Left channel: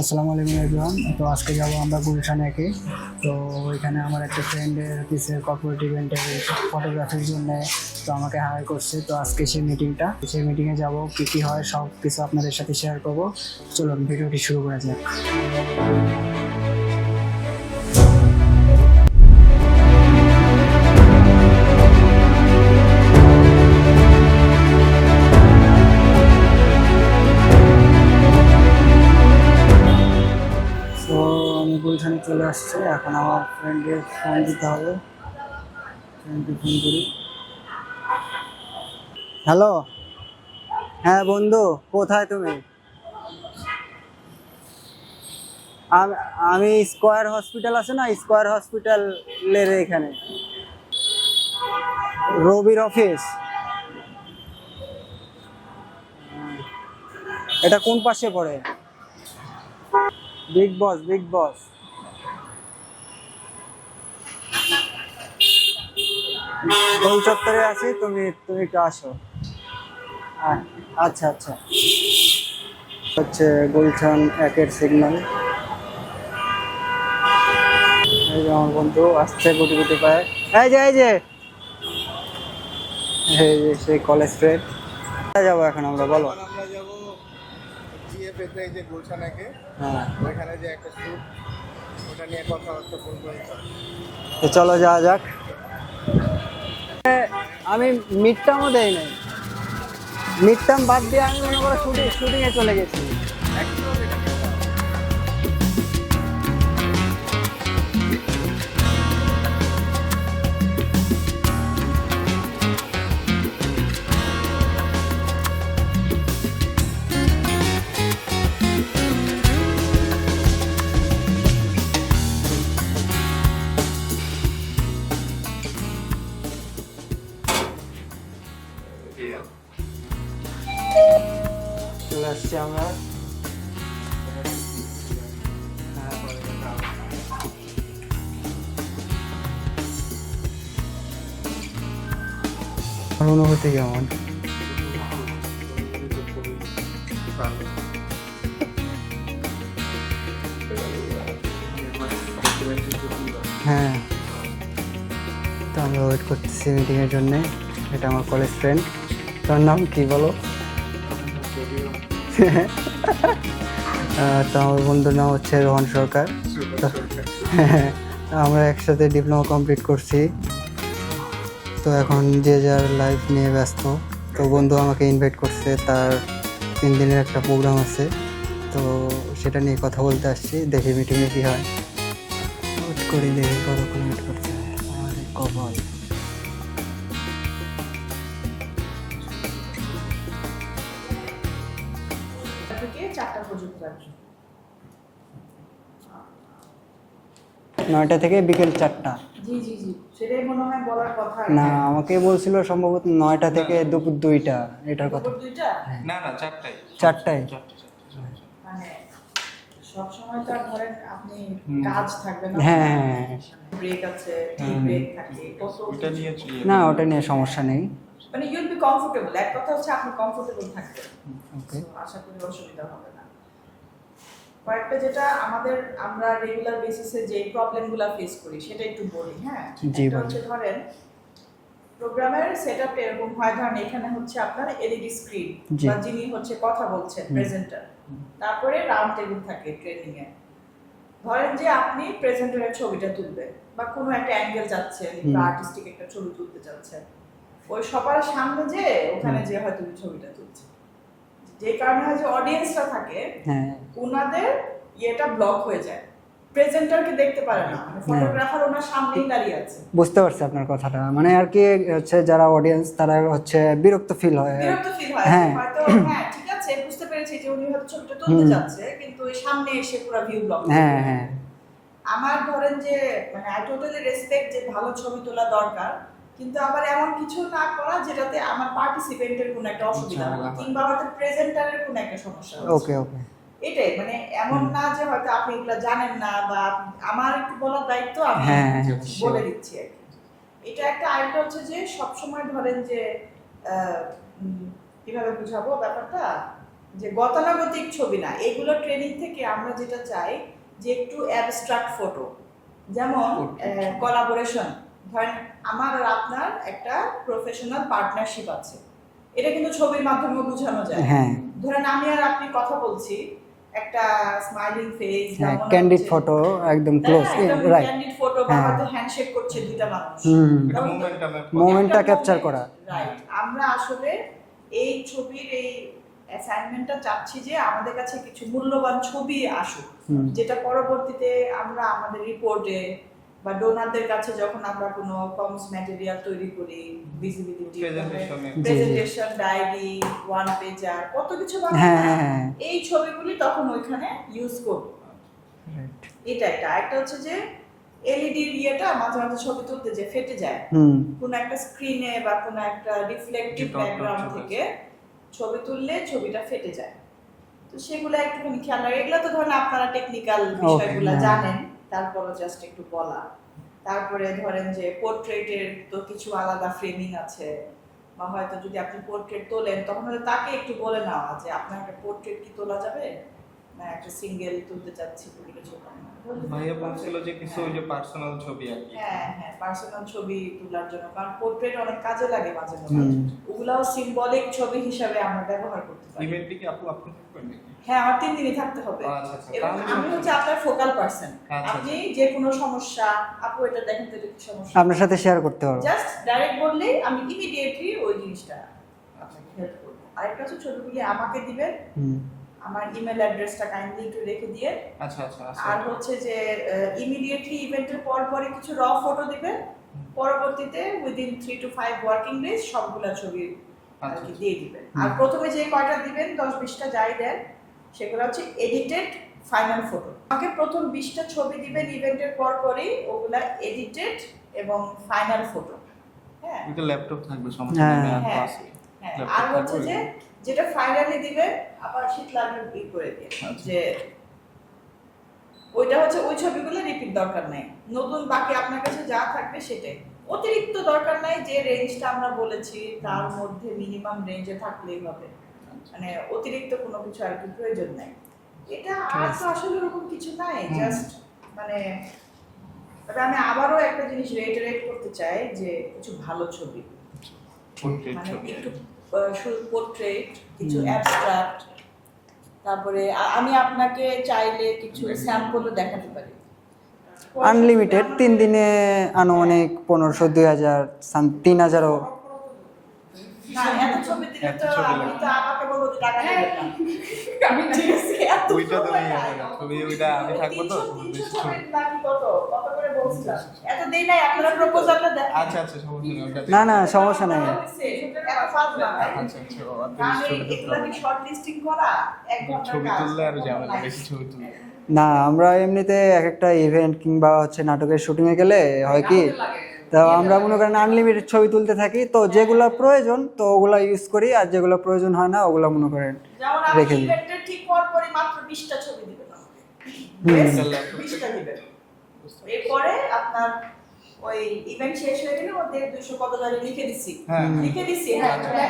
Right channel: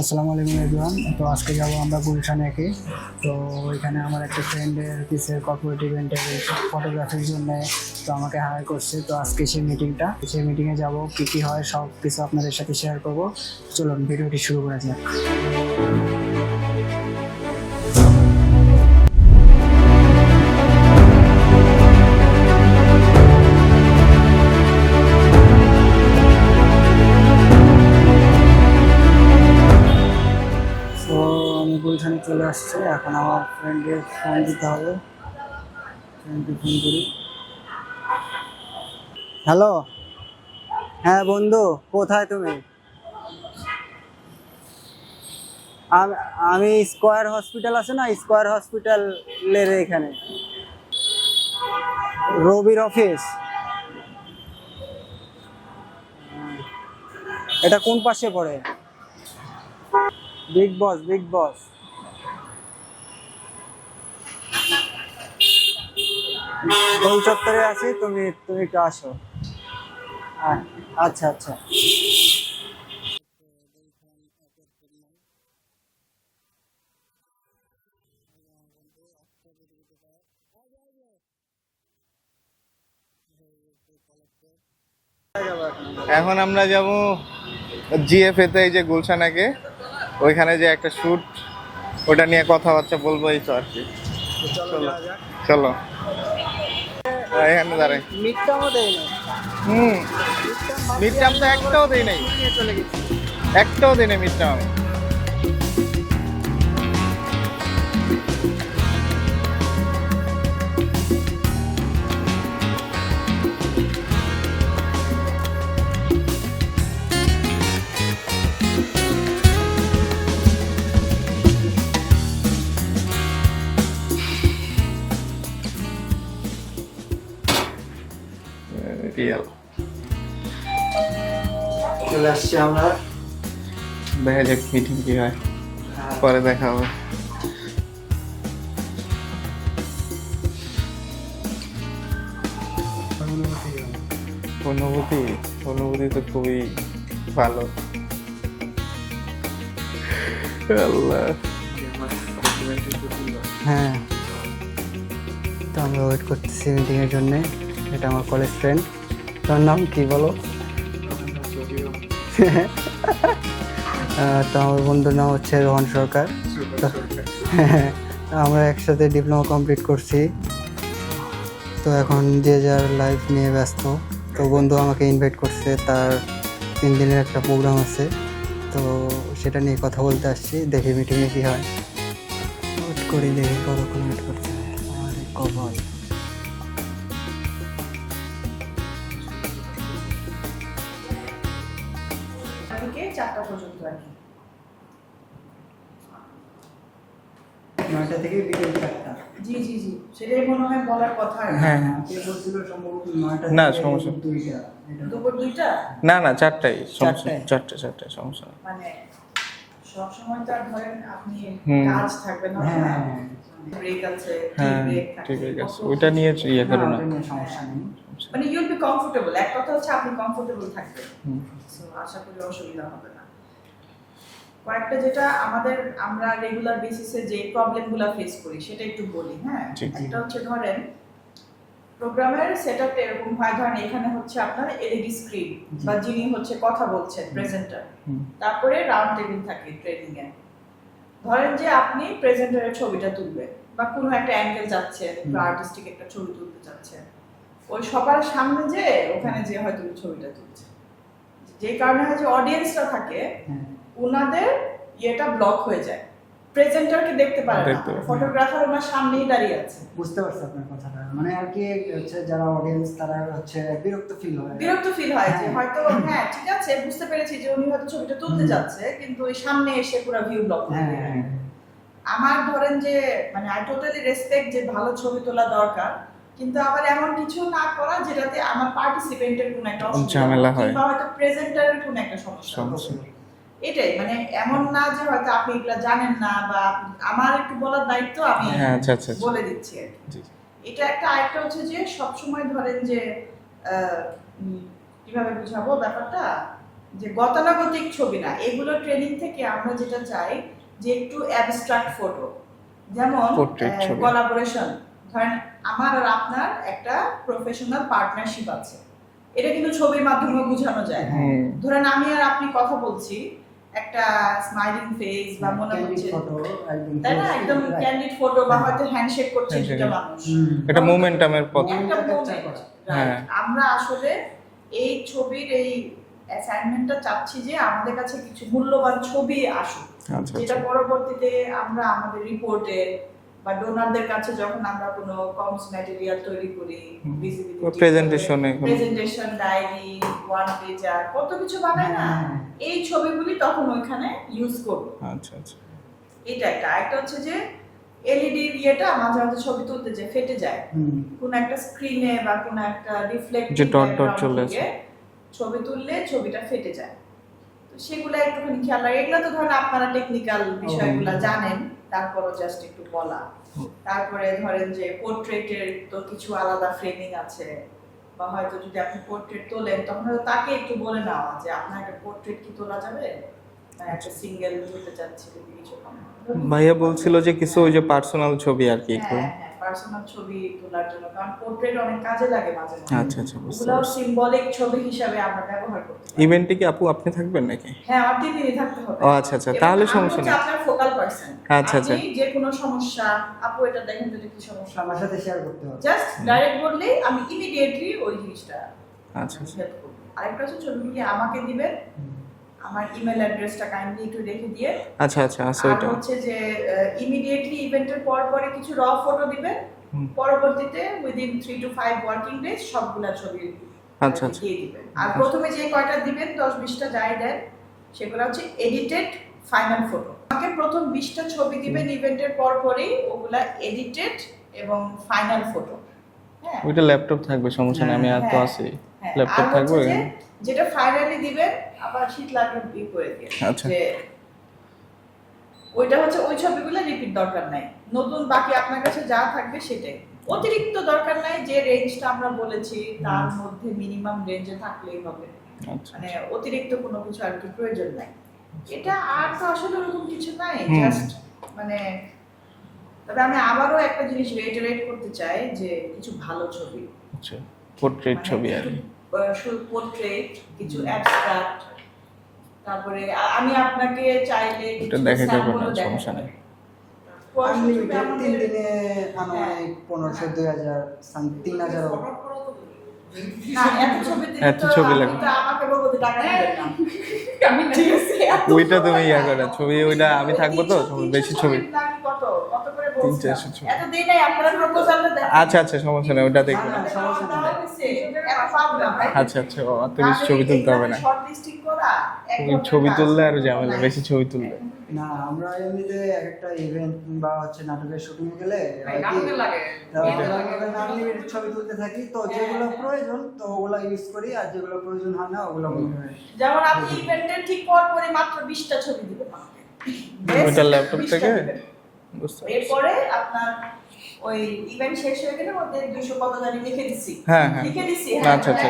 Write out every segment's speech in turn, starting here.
আসসালামু আলাইকুম এভরিওয়ান। তো আজকে যাব আমরা গুলশান একে। তো ওইখানে আমার একটা ফ্রেন্ডের কিসের কর্পোরেট ইভেন্টের ফটোগ্রাফির জন্য তো আমাকে হায়ার করছে। তো আজকে সেই মিটিংয়ে যাব, কী কী হয় সব কিছু আপনাদের সাথে শেয়ার করব। চলুন ভিডিওটি শুরু করা যাক। তো আমি গুলশানে চলে আসছি, এখন আমার ফ্রেন্ডের ফোন দিতে হবে। ফ্রেন্ডকে ফোন করি। হ্যালো, হ্যাঁ বন্ধু, কোথায় তুমি? আমি স্কয়ার হসপিটাল আছে না, স্কয়ার হসপিটালের এখানে রবির অফিস। এটা কোন পাশে পড়ে? বিগ বস গোল চত্বরে আছি, তুমি তুমি একটু আসো। আচ্ছা আচ্ছা, হচ্ছে গুলশান একের সিগন্যাল। এই যে আমার বন্ধু আসছে গুটি গুটি পায়ে। এই যে সেই কলেজ ফ্রেন্ড। যাবো এখন আমরা, বলো। এখন আমরা যাব জিএফএ তে, এই যে গুলশানাকে হ্যাঁ, ওইখানে যে একটা শুট, ওটা নিয়ে কথাবার্তা বলবো এই তো আর কি। তো চলো যাওয়া যাক। চলো এখানে আমি দাঁড়াই। মিডটার্মও দেয় নাই, হুম, মিডটার্ম বাদ দিয়ে Midterm তো একটাও দেই নাই। শুটিংয়ে চলে গেছি। একটাও দিনে মিটটা। চলে আসছি আমরা। দেখা যাক মিটিং কি হয়, পরে দেখা হবে। অনুভূতি কেমন? অনুভূতি অনুভূতি তো খুবই ভালো। আল্লাহ, হ্যাঁ, তো আমরা ওয়েট করতেছি মিটিংয়ের জন্য। এটা আমার কলেজ ফ্রেন্ড। তোর নাম কি বলো? তো আমার বন্ধুর নাম হচ্ছে রোহন সরকার। তো আমরা একসাথে ডিপ্লোমা কমপ্লিট করছি। তো এখন যে যার লাইফ নিয়ে ব্যস্ত। তো বন্ধু আমাকে ইনভাইট করছে, তার 3 দিনের একটা প্রোগ্রাম আছে। তো সেটা নিয়ে কথা বলতে আসছি, দেখি মিটিংয়ে কী হয়। ওয়েট করি, দেখি কতক্ষণ ওয়েট করতে হয়। আরে কপাল। থেকে 4টা পর্যন্ত আর কি। 9টা থেকে বিকেল 4টা। জি জি জি, সেটাই মনে হয় বলার কথা আর না, কি। আমাকে বলছিল সম্ভবত 9টা না, থেকে সমস্যা দুপুর 2টা, এটার কথা। দুপুর 2টা, না না, চারটাই। চারটায়? চারটে সমস্যা নেই। মানে সব সময় তো আর ধরেন আপনি হুম। কাজ থাকবে না, হ্যাঁ, ব্রেক আছে, হ্যাঁ, ব্রেক থাকে, ঠিক আছে, কত ওইটা নিয়ে ইয়ে না করি ওটা নিয়ে সমস্যা নেই। মানে ইউল বি কমফোর্টেবল। এক কথা হচ্ছে আপনি কমফোর্টেবল থাকবেন, ওকে। So, আশা করি অসুবিধা হবে না। কয়েকটা যেটা আমরা রেগুলার বেসিসে যে প্রবলেমগুলো ফেস করি সেটা একটু বলি। হ্যাঁ, জি, এটা বলুন। হচ্ছে ধরেন প্রোগ্রামের সেটআপটা এরকম হয়, ধরেন এখানে হচ্ছে আপনার এলইডি স্ক্রিন জি। বা যিনি হচ্ছে কথা বলছেন প্রেজেন্টার, তারপরে রাউন্ড টেবিল থাকে ট্রেনিং এ। ধরেন যে আপনি প্রেজেন্টারের ছবিটা তুলবেন বা কোনো একটা অ্যাঙ্গেল যাচ্ছেন বা আর্টিস্টিক একটা ছবি তুলতে যাচ্ছেন, ওই সবার সামনে যে ওখানে যে হয়তো ছবিটা তুলছে, যে কারণে হয় যে অডিয়েন্সরা থাকে হ্যাঁ, ওনাদের ইয়েটা ব্লক হয়ে যায়, প্রেজেন্টারকে দেখতে পারে না, দেখতে পারে না। ফটোগ্রাফার ওনার সামনেই দাঁড়িয়ে আছে। বুঝতে পারছি আপনার কথাটা। মানে আর কি হচ্ছে যারা অডিয়েন্স তারা হচ্ছে বিরক্ত ফিল হয়। বিরক্ত ফিল হয় হ্যাঁ। যে হয়তো হ্যাঁ ঠিক আছে, বুঝতে পেরেছি যে উনি হয়তো ছবিটা তুলতে যাচ্ছে কিন্তু ওই সামনে এসে পুরো ভিউ ব্লক। হ্যাঁ হ্যাঁ, আমার ধরেন যে মানে আই টোটালি রেসপেক্ট যে ভালো ছবি তোলা দরকার, কিন্তু আবার এমন কিছু না করা যেটাতে আমার পার্টিসিপেন্টের কোনো একটা অসুবিধা ঝামেলা হয়। কিংবা হয়তো প্রেজেন্টারের কোনো একটা সমস্যা হয়। ওকে ওকে। এটাই মানে এমন না যে হয়তো আপনি এগুলা জানেন না বা আমার একটু বলার দায়িত্ব আমি হ্যাঁ, আচ্ছা আচ্ছা। বলে দিচ্ছি আর কি। জি। এটা একটা আরেকটা হচ্ছে যে সব সময় ধরেন যে কিভাবে বুঝাবো ব্যাপারটা, যে গতানুগতিক ছবি না, এগুলো ট্রেনিং থেকে আমরা যেটা চাই যে একটু অ্যাবস্ট্রাক্ট ফটো, যেমন Portrait ছবি। কোলাবোরেশন। ধরেন আমার আর আপনার একটা প্রফেশনাল পার্টনারশিপ আছে, এটা কিন্তু ছবির মাধ্যমে বোঝানো যায়। হ্যাঁ ধরেন আমি আর আপনি কথা বলছি, একটা স্মাইলিং ফেস বা মনে ক্যান্ডিড হচ্ছে- ফটো একদম হ্যাঁ, ক্লোজ একদম রাইট ক্যান্ডিড ফটো বা হ্যাঁ। হয়তো হ্যান্ডশেক করছে Handshake। দুটো মানুষ। এটা মোমেন্টামের পথ। মোমেন্টটা একটা ক্যাপচার moment, করা right। হ্যাঁ। আমরা আসলে এই ছবির এই অ্যাসাইনমেন্টটা চাচ্ছি যে আমাদের কাছে কিছু মূল্যবান ছবি আসুক, আচ্ছা, যেটা পরবর্তীতে আমরা আমাদের রিপোর্টে বা ডোনারদের কাছে যখন আমরা কোনো কমস ম্যাটেরিয়াল তৈরি করি, প্রেজেন্টেশনে প্রেজেন্টেশন, ডায়েরি, ওয়ান পেজার, কত কিছু বানাই হ্যাঁ না? হ্যাঁ এই ছবিগুলি তখন ওইখানে ইউজ করব। আচ্ছা আচ্ছা এটা একটা আরেকটা হচ্ছে যে এলইডি ইয়েটা মাঝে মাঝে ছবি তুলতে যে ফেটে যায়, কোন একটা স্ক্রিনে বা কোন একটা রিফ্লেক্টিভ যে dot dot চলে আসে। ছবি তুললে ছবিটা ফেটে যায়। তো সেগুলো একটুখানি খেয়াল রাখা। এগুলো তো ধরেন আপনারা টেকনিক্যাল বিষয়গুলো হ্যাঁ। জানেন, তারপরও জাস্ট একটু বলা। তারপরে ধরেন যে পোর্ট্রেটের তো কিছু আলাদা ফ্রেমিং আছে, বা হয়তো যদি আপনি পোর্ট্রেট তোলেন তখন হয়তো তাকে একটু বলে নেওয়া যে আপনার একটা পোর্ট্রেট কি তোলা যাবে, না একটা সিঙ্গেল তুলতে চাচ্ছি যদি কিছু ভাইয়া বলছিল যে কিছু ওই যে পার্সোনাল ছবি আর কি একটু। হ্যাঁ হ্যাঁ, পার্সোনাল ছবি তোলার জন্য, কারণ পোর্ট্রেট অনেক কাজে লাগে মাঝে মাঝে। আচ্ছা আচ্ছা বুঝতে ওগুলাও পারছি। সিম্বলিক ছবি হিসাবে আমরা ব্যবহার করতে পারি। ইভেন্টে কি আপু আপনি থাকবেন নাকি? হ্যাঁ, আমার 3 দিনই থাকতে হবে। ও আচ্ছা আচ্ছা, এবং তাহলে আমি সমস্যা হচ্ছে নেই। আপনার ফোকাল পারসন। আচ্ছা, আচ্ছা। আপনি যে কোনো সমস্যা, আপু এটা দেখেন তো এটা কি সমস্যা, আপনার সাথে শেয়ার করতে পারবো জাস্ট ডাইরেক্ট বললেই আমি ইমিডিয়েটলি ওই জিনিসটা আচ্ছা আচ্ছা হেল্প করব। আরেকটা হচ্ছে ছবিগুলি আমাকে দিবেন, আমার ইমেল অ্যাড্রেসটা কাইন্ডলি একটু রেখে দিয়ে। আচ্ছা আচ্ছা আছে আর ওইটা। হচ্ছে যে ইমিডিয়েটলি ইভেন্টের পর পরে কিছু র ফটো দিবেন, পরবর্তীতে উইদিন 3 to 5 ওয়ার্কিং ডেজ সবগুলা ছবি আচ্ছা, আচ্ছা। দিয়ে দিবেন। আর প্রথমে যে কয়টা দিবেন 10-20টা যাই দেন, সেগুলো হচ্ছে এডিটেড ফাইনাল ফটো। আমাকে প্রথম 20টা ছবি দিবেন ইভেন্টের পর পরেই, ওগুলা এডিটেড এবং ফাইনাল ফটো। হ্যাঁ ওইটা ল্যাপটপ থাকবে, সমস্যা নেই, আমি আর তো হ্যাঁ, আছি। হ্যাঁ। ল্যাপটপ আর থাকবে হচ্ছে যে ওখানে। যেটা ফাইনালি দিবেন আবার শীত লাগবে করে দিয়ে, আচ্ছা। যে ওইটা হচ্ছে ওই ছবিগুলো রিপিট দরকার নাই, নতুন বাকি আপনার কাছে যা থাকবে সেটাই। অতিরিক্ত দরকার নাই, যে রেঞ্জটা আমরা বলেছি তার মধ্যে মিনিমাম রেঞ্জে থাকলেই হবে, আচ্ছা মানে অতিরিক্ত কোনো কিছু আর কি প্রয়োজন নাই। এটা আর তো আসলে ওরকম কিছু নাই, হুম। জাস্ট মানে তবে আমি আবারও একটা জিনিস রেইটারেট করতে চাই যে কিছু ভালো ছবি, আচ্ছা পোর্ট্রেট ছবি আর কি। শুধু পোর্ট্রেট, কিছু অ্যাবস্ট্রাক্ট, তারপরে আমি আপনাকে চাইলে কিছু এটা দেখাতে পারবো না, স্যাম্পলও দেখাতে সমস্যা নেই। পারি। আনলিমিটেড 3 দিনে আনুমানিক 1500-2000 3000ও না, এত ছবি দিলে এত তো ছবি আপনি লাগবে। তো আমাকে বলবো যে টাকা দিবেন না। আমি ঠিক আছে, এত ওইটা তুমি সময় ইয়া লাগে করো, না। ছবি ওইটা আমি থাকবো তো, তোমার বেশি ছবি। নাকি কত করে বলছেন? 300-400 ছবি। এত দেই নাই, আপনারা প্রপোজালটা দেন। আচ্ছা আচ্ছা সমস্যা নেই, ওইটা না দেখো। না সমস্যা নেই এত পারলাম না। আচ্ছা আচ্ছা ও এত বেশি ছবি তুলতে হবে না। শর্ট লিস্টিং করা এক তুমি ঘন্টার ছবি কাজ, তুললে আর কোনো ঝামেলা, নাই। বেশি ছবি তুললে। না আমরা এমনিতে এক একটা ইভেন্ট কিংবা হচ্ছে নাটকের শুটিং এ গেলে হয় কি, তো আমরা মনে করেন আনলিমিটেড ছবি তুলতে থাকি, তো যেগুলো প্রয়োজন তো ওগুলো ইউজ করি, আর যেগুলো প্রয়োজন হয় না ওগুলো মনে করেন যেমন আপনি রেখে দিই। ইভেন্টের ঠিক পর পরে মাত্র 20টা ছবি দিবেন ওইটা ল্যাপটপ 20টা থেকে? দিবেন। বুঝতে পারছি। এরপরে আপনার ওই ইভেন্ট শেষ হয়ে গেলে ওতে 200 কত জানি লিখে দিছি, হ্যাঁ, হ্যাঁ। লিখে দিছি, হ্যাঁ আচ্ছা, আচ্ছা।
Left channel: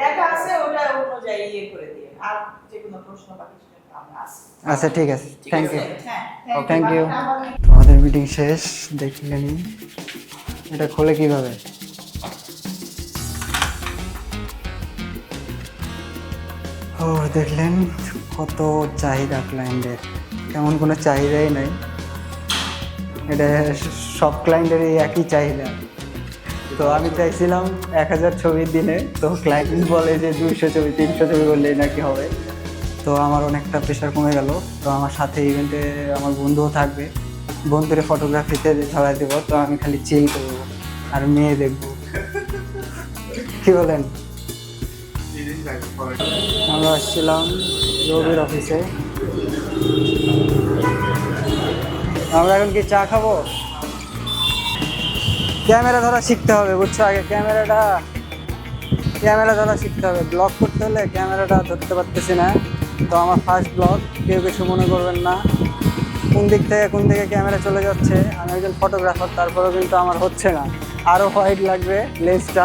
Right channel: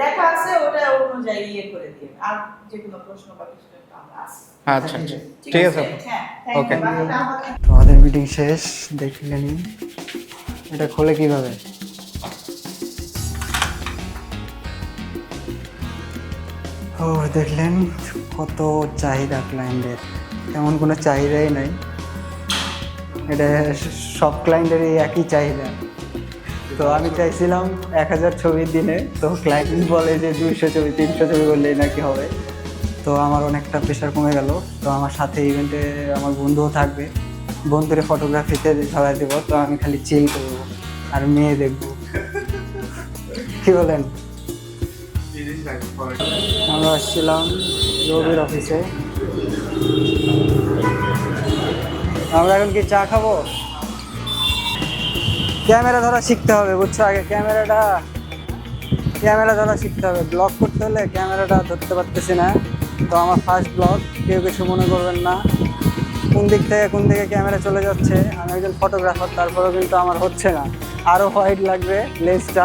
লেখা আছে, ওটা অনুযায়ী ইয়ে করে দিয়ে, আর যে কোনো প্রশ্ন বা কিছু আমরা আসি। আচ্ছা ঠিক আছে ঠিক আছে। হ্যাঁ Thank you. আমাদের তো আমাদের মিটিং শেষ, দেখলেনি এটা খোলে কিভাবে। ও দেখলেন কত চাহিদা ক্লায়েন্টের, তেমন কোনো চাহিদাই নাই, এটা সব ক্লায়েন্টেরই একই চাহিদা। তো আমি চাইছিলাম 1000 ছবির দিনে, তো ক্লায়েন্ট বলে যে 200 ছবি 300 ছবি করলেই নাকি হবে। তো আমার অনেকটা প্রেশার কমে গেল। তো আমার সাথে ইভেন্টে আমার বন্ধুও থাকবে, বন্ধুরে ফটোগ্রাফিতে ধরাই দেবো, তো আমি খালি চিল করবো আর মেয়ে দেখবো। কি বলেন? আমরা আসছিলাম রবির অফিসে, আমরা এখন কি চা খাবো? ক্যামেরা ধরা শিখতে হবে বুঝছো, আগে ক্যামেরা ধরা শিখতে হবে। ব্লগ করতে হলে ক্যামেরাটা ধরতে পারতেছি না, তো আমার ফার্স্ট ব্লগ, কেউ কিছু মনে করবেন না। কোন দিক থেকে ক্যামেরা চলে যাচ্ছে, আমি একজন ফটোগ্রাফার, তারপরেও কিন্তু আমার হচ্ছে না, আরও হোয়াইট লাগবে লেন্সটা,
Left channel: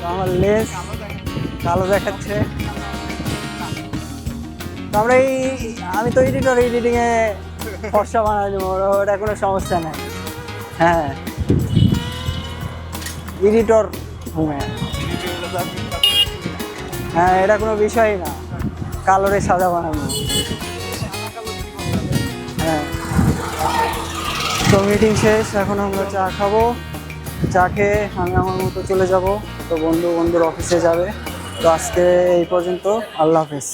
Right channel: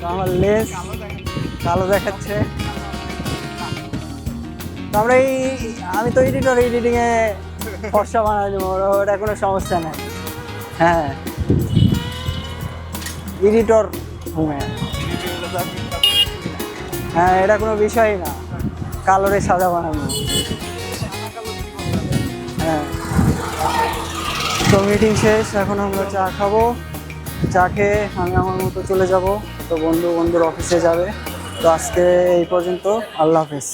তো আমার লেন্স কালো দেখাচ্ছে। তো আমরা আমি তো এডিটিংয়ে ফর্সা বানাই দেবো, ওটা কোনো সমস্যা নেই। হ্যাঁ, এডিটর হ্যাঁ, এটা কোনো বিষয়ই না, কালোরে সাদা বানানো। হ্যাঁ, তো মিটিং শেষ, এখন আমরা চা খাবো, চা খেয়ে আমি আমার মতো চলে যাব। তো বন্ধুর অফিসে যাবে। তো আজকে এই পর্যন্ত, আল্লাহ হাফেজ।